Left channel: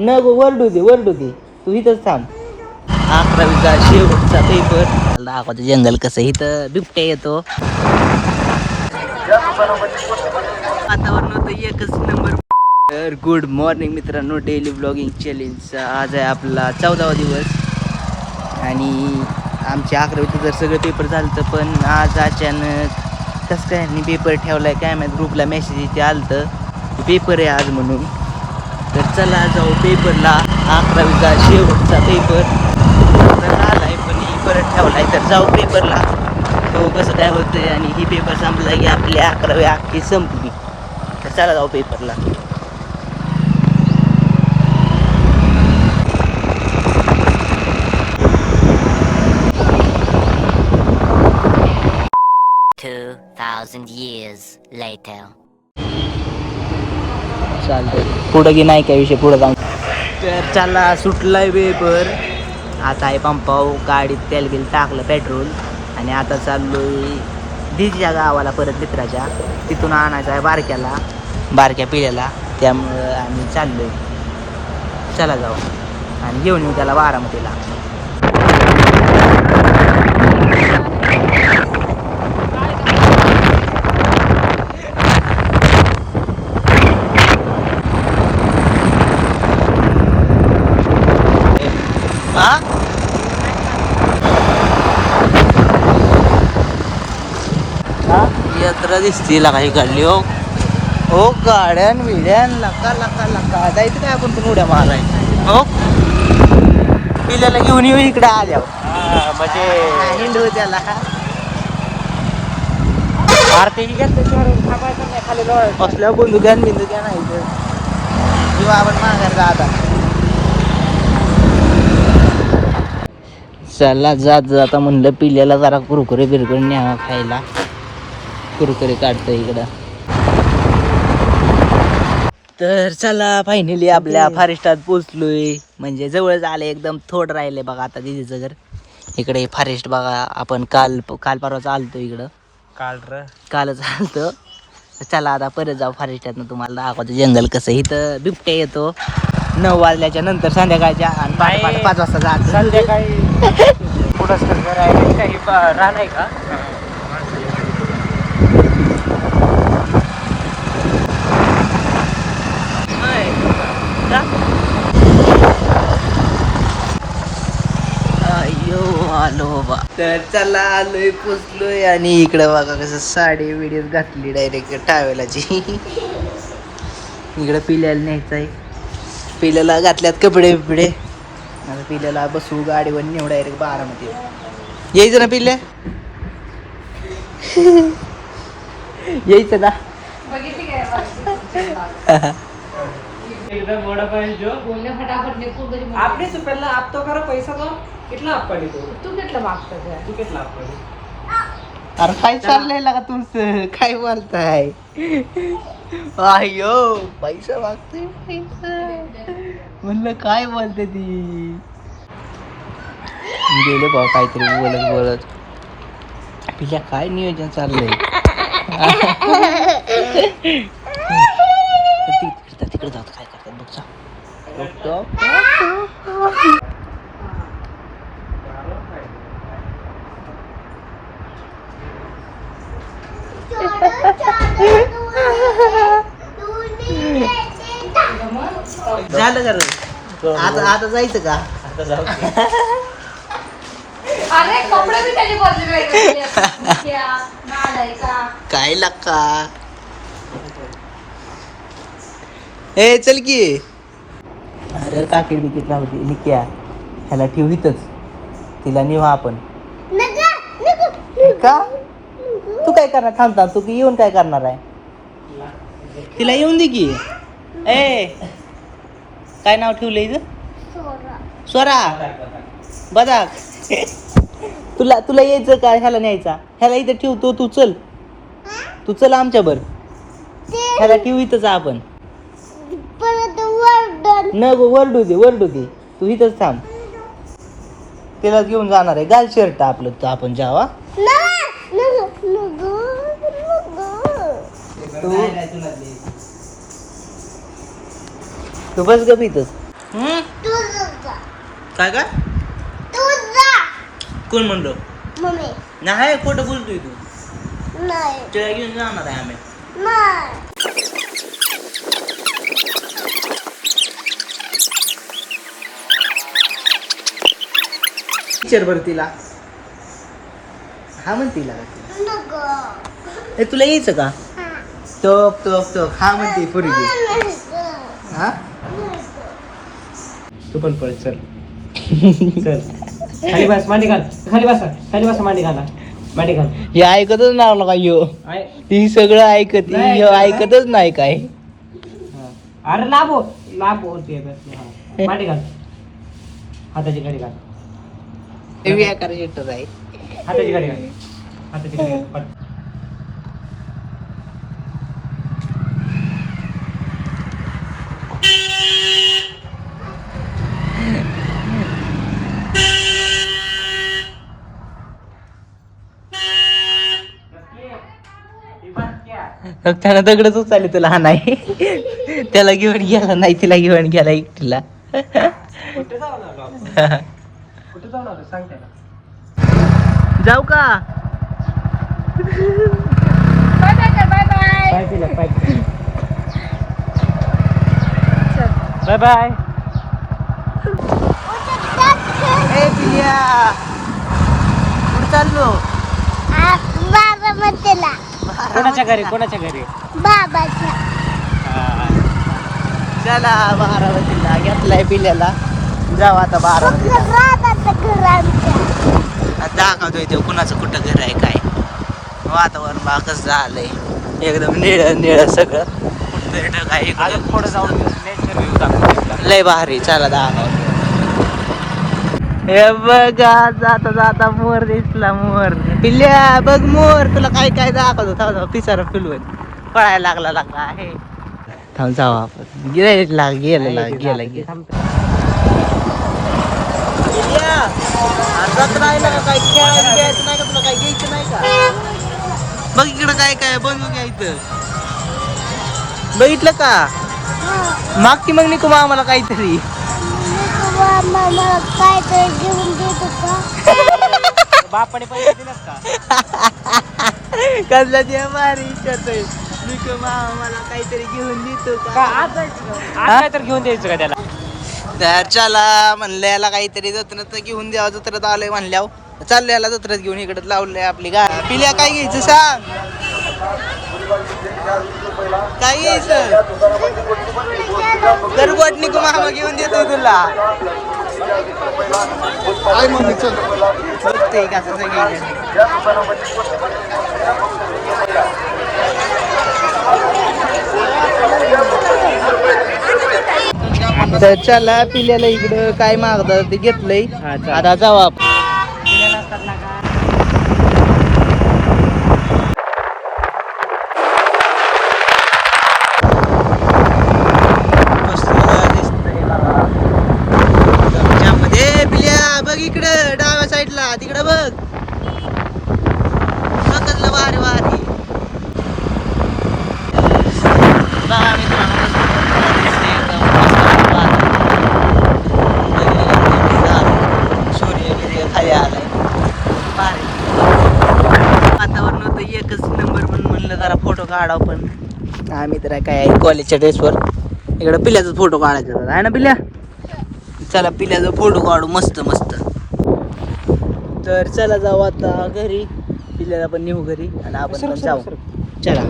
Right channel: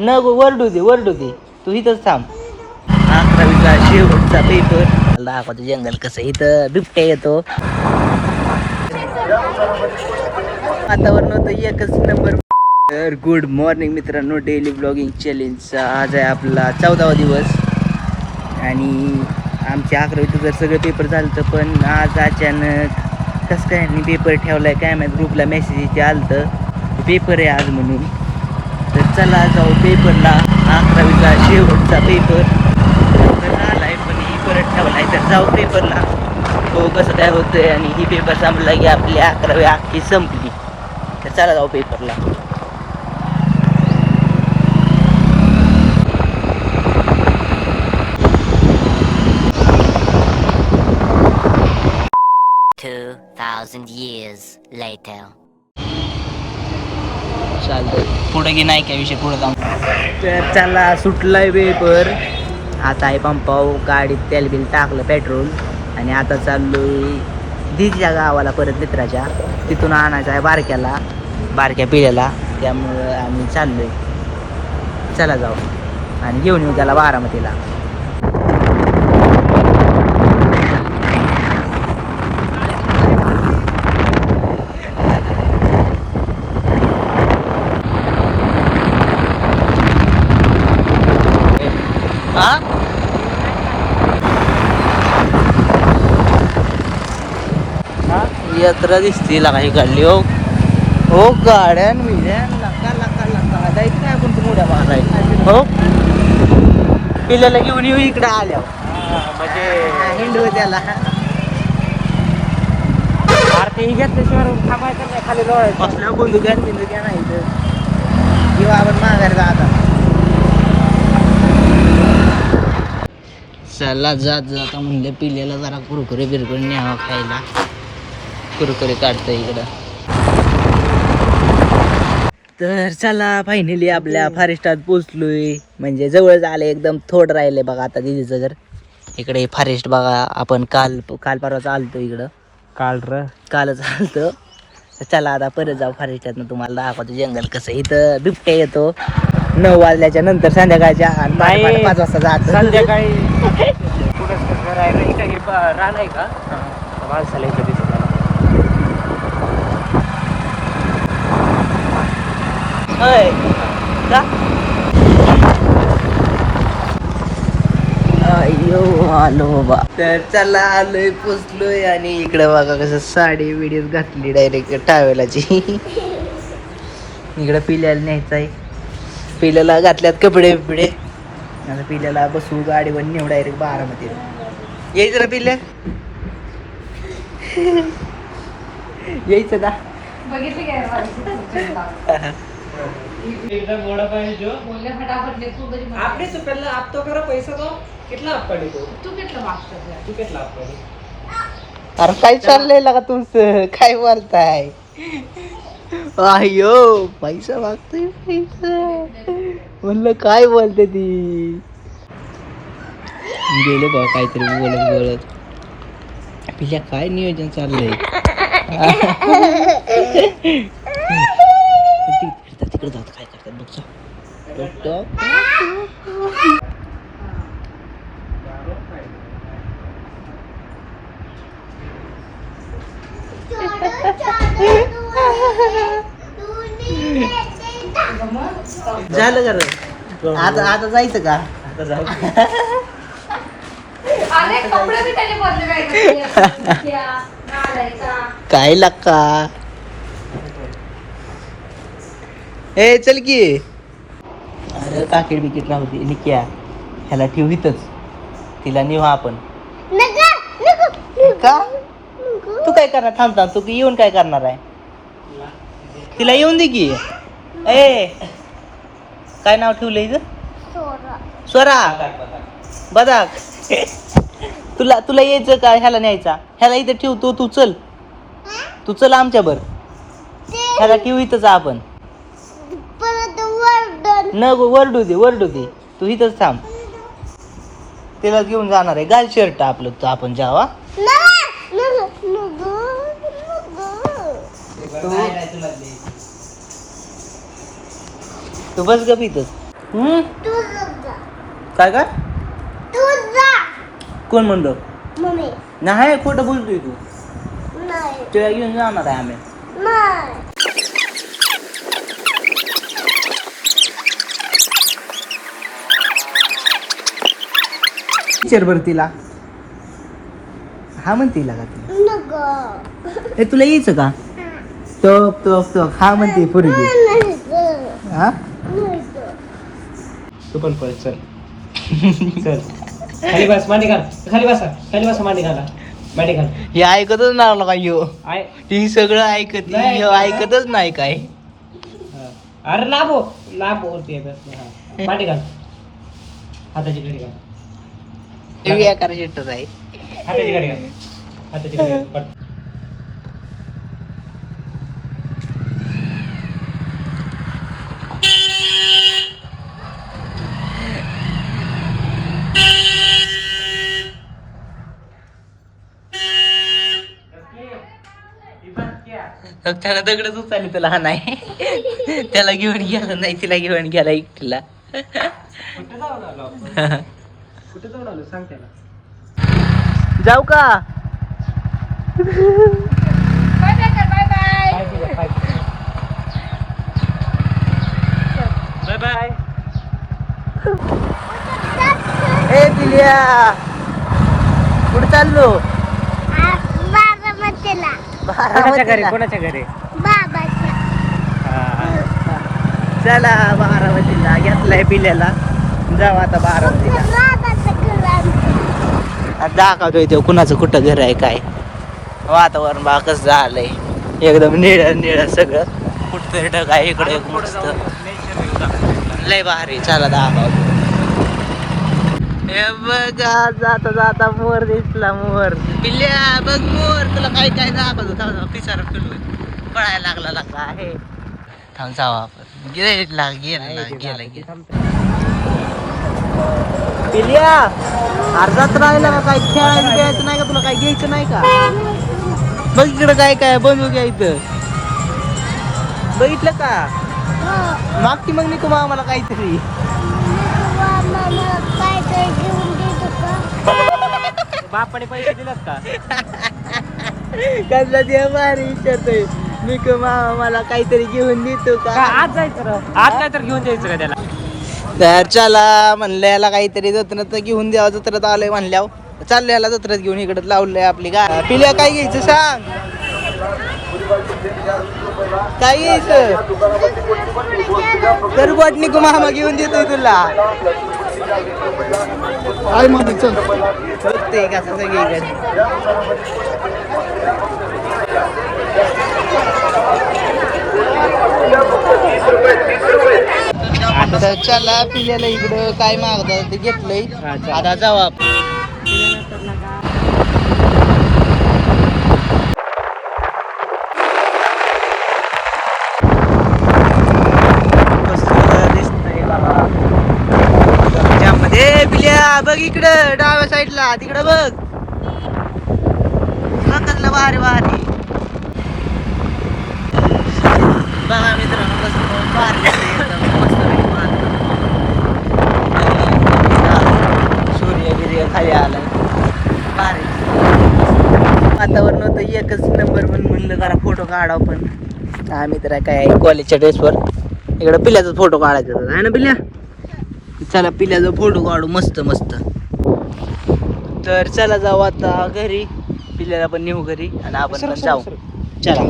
न गो वरडू दे तू इथंच थांब. 11वीचा शेवटचा पेपर. दाखवतो जंगल कसं इथं बिबट्या येतो. वातावरण होतं एकच नंबर. तर गुड मॉर्निंग मित्रांनो, डेली ब्लॉगिंग चॅलेंजचा आज आहे आपला 14वा दिवस. आणि आमच्या 11वीचं जर सगळं पेपर झालं तर पण आज अचानक कसं काय मी पेपर ठेवलाय काय माहीत. ग्रुपला मेसेज इथे आलं तर पेपर आहे आज म्हणून. तर चला जाऊ पेपरला. 11वीचा शेवटचा पेपर झालाय पण ही परत ठेवलाय तर जाऊ पेपरला. तो कसं काय होतंय आणि ही पेपर संपला की आपली 11वी अख्खी संपली. तर चला जाऊ पेपरला. चालतं पुढं की नाही काय विषय पुढं जाऊन. तर चला सुटलाय पेपर. आता आहे पंपावर गाडीत तेल बिल टाकलं पेट्रोल आणि आता चाललोय दिदीच्या गावाला परत मित्राच्या. तिथून आणायचं आहे बारक्या पिढ्याला. त्यामुळं आम्ही चाललोय. चला जाऊ आणि घेऊन येऊ त्याला बारामतीला. यात्रा दिसते काही काढली हो. हो गाड्यान विड्यान लका जायचं काय आपण पण उड्या माराय हो. पिल्याला घेऊन येऊ इकडं आल्या म्हणजे हिंडू त्याला. असल्यावर बंदुक्यान नाही तर किंवा आपण माघार आता. चला जाता म्हणलं पिल्याला जरा कुरकुरे बिरकुरे न्यावा खायला. कुरकुरे काढतं इकडं. तर चला फायनली आपल्या फॉरेस्टात पोचलोय. म्हणजे जवळच आले एकदम. थोडं राहिलंय बघा आता दिदीचं घर. इकडे फॉरेस्ट बघा. आपण काल परवा आलतो इकडं. कालच आलतो. चला आता परत जाऊ फॉरेस्टातनं. तुम्हाला दाखवतो जंगल कसं. इथं बिबट्या येतो 9 वाजल्याच्या नंतर संध्याकाळच्या आणि पहाटे 5 वाजता जात. रान आहे का का? अयो आलो बाबा. तर चला आलोय पोचलोय आणि इकडं बघा कसं साडी विडीत घातली डायरेक्ट टावेलाची. इकडं पिल्याला न्यायचं आहे. पिल्याला घातल्यात कपडे बिपडे. आता पिल्याला बसू गाडीवर नेऊ डायरेक्ट बारामती. यायचं ना पिल्या. यायचं ना. एकदम बड़ा पॉइंट जो बोलने फटाफट लेको आपने से पहले आप तो करो पैसा तो कितना आप पड़ी तो तू कितना मागतो तू कितना आप पड़ी. अरे काय चाललंय लागा तुमचं. काय बोलताय. अयो पैसा मागतोय म्हणलं काय बोलते ती. गेले भाऊ काहीतरी बोलत. पिल्या काय नियोजन चाललंय. तिकडे जाऊ काय करतात बघ. झालं का रे. आता जायचं का. आता जाऊ. काय लक्का. ए चल की. अरे काकीड बिकीट होती निक्या. ह्याला ठेव इथंच. तिला नेऊ आपण. का तू काय करणार. थांबता तू येऊन काय करणार आहे. तिला येऊन दे की. ए काय नाव ठेवलंय ग. स्वरा बदाक. तुला यायचं काय. ह्याला न्यायचा. ह्याला इथं ठेवतो. तू चल आमच्या बर. ह्याला ठेव इथंच आपण. न गो वरडू दे तू इथंच थांब. तिला घेऊन जाणार आहे. घाल शर्ट आपलं तर आपण जावा. तू बस ग इथंच. हम्म? काय काय कोण म्हणलं नाही खोटं बोलतोय तू तुला घेऊन जाणार आहे आम्ही विचार बरं तिला हा म्हणते तिला हे तुला यायचं का टोक टोक टोक हा म्हणते पोरगी हा तू पण पळ चल चल खाली बस मांडी घाल खाली बसा मांडी घाला मांडी घाल हे ऐकतच नाही का यो आय ती सगळं ऐकत नाही ह्यो ऐकत. ऐकतच नाही काय अरे लाभो ते बस मांडी घाल हाताची घडी घाल हे बेकार शिट्टच आहे हाताची घडी घाल हाताची घडी घाल पट. त्याला दगडच उचलली तुला हा नाही त्याला घेऊन गेला नाही तिला घेऊन गेला एकटीला कुठे जाऊन आलो सांग त्याला जाऊ का काय केलं बाय बाय ए पिल्या कुठे चाललो कोणाच्या घरी कोणाच्या घरी चला बारामतीला घेतलाय पिल्याला जाऊ आता बारामतीला आता दाखवतोय तो कुणाचं कुठं घर आहे काय वातावरण बा कसं झालंय एकदम निळ निळ सगळं ढग आहे इकडे मस्त. लय भारी चला दाखवतो हे बघा जाता जाता मोर दिसला मोर पिल्ल्या बघ मोर तुला काय काय दाखवतो थांब पिसारा फुलवत पळायला लागला आहे थांब जाऊ आपण गेला पिल्ल्या अर्धाच राहिला का काय खेळायला घ्यायचं नाही का तुला काय घ्यायचं नाही का बघ इकडं काय काय बनवू घ्या इथं बघितलं का मागची मग निकू आम्हाला काहीतरी बापाने पैसे दिलेत का कसला जेवारी विचारतोय निकू मामा मला काहीतरी घेऊन देतो का आज काय तर घेऊन द्यायचं का त्याला तर चला म्हणलं याला काहीतरी जत्रात घेऊन द्यावं जत्रात आलंय म्हणल्यावर चाललं याला जत्रात घेऊन इकडे लावलंय आपली गा पिल्या काय घ्यायचं सांग काय घ्यायचं गरबट निकू मामा घेऊन देतोय तुला बघते का सगळीकडे तर चला पिल्याला इकडं काय मागतात ते घेतलंय आता जाऊ आपण पिल्या बघ इकडं डाव्या साईडला तिकडं बघ कसलं भारी भारी बघा मित्रांनो कसलं भारी दिसतंय एकदम. सूर्य बिर्य खाली आलाय भारी वातावरण होतं एकच नंबर म्हणलं जरा फोटो काढावं पण आम्ही तर काय कॉलेजच्या ड्रेसवर इकडं पिल्याचा फोटो काढायचा होता आहे ना पिल्या चला पिल्याचा फोटो काढू मस्त मस्त तर चला जाऊ आता घरी पिल्याला पण नेऊ घरी आणि आपण पण जाऊ चला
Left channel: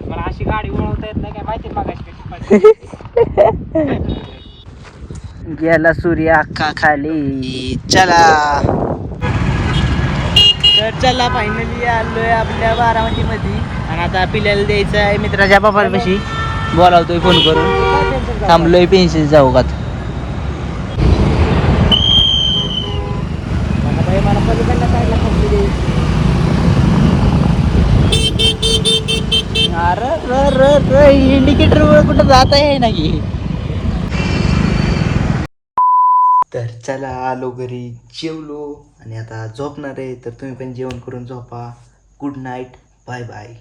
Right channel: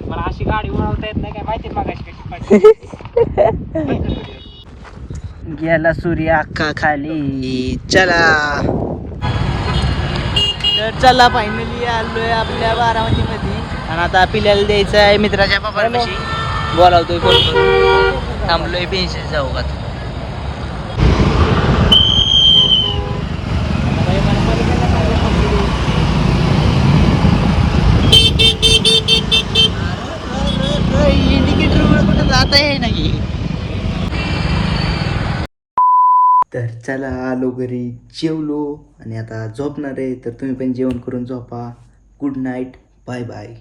मला अशी गाडी वळवता येत नाही काय माहिती मागाशी कशी गेला सूर्य अख्खा खाली चला तर चला फायनली आलोय आपल्या बारामतीमध्ये आणि आता पिल्याला द्यायचं आहे मित्राच्या बापापाशी बोलावतोय फोन करून थांबलोय पेन्सिल जाऊ का मला पलीकडला काढला कंपनी द्यायची अरे इंडिकेटर वर कुठं जात आहे ना की तर चला आलो घरी जेवलो आणि आता झोपणार आहे तर तुम्ही पण जेवण करून झोपा गुड नाईट बाय बाय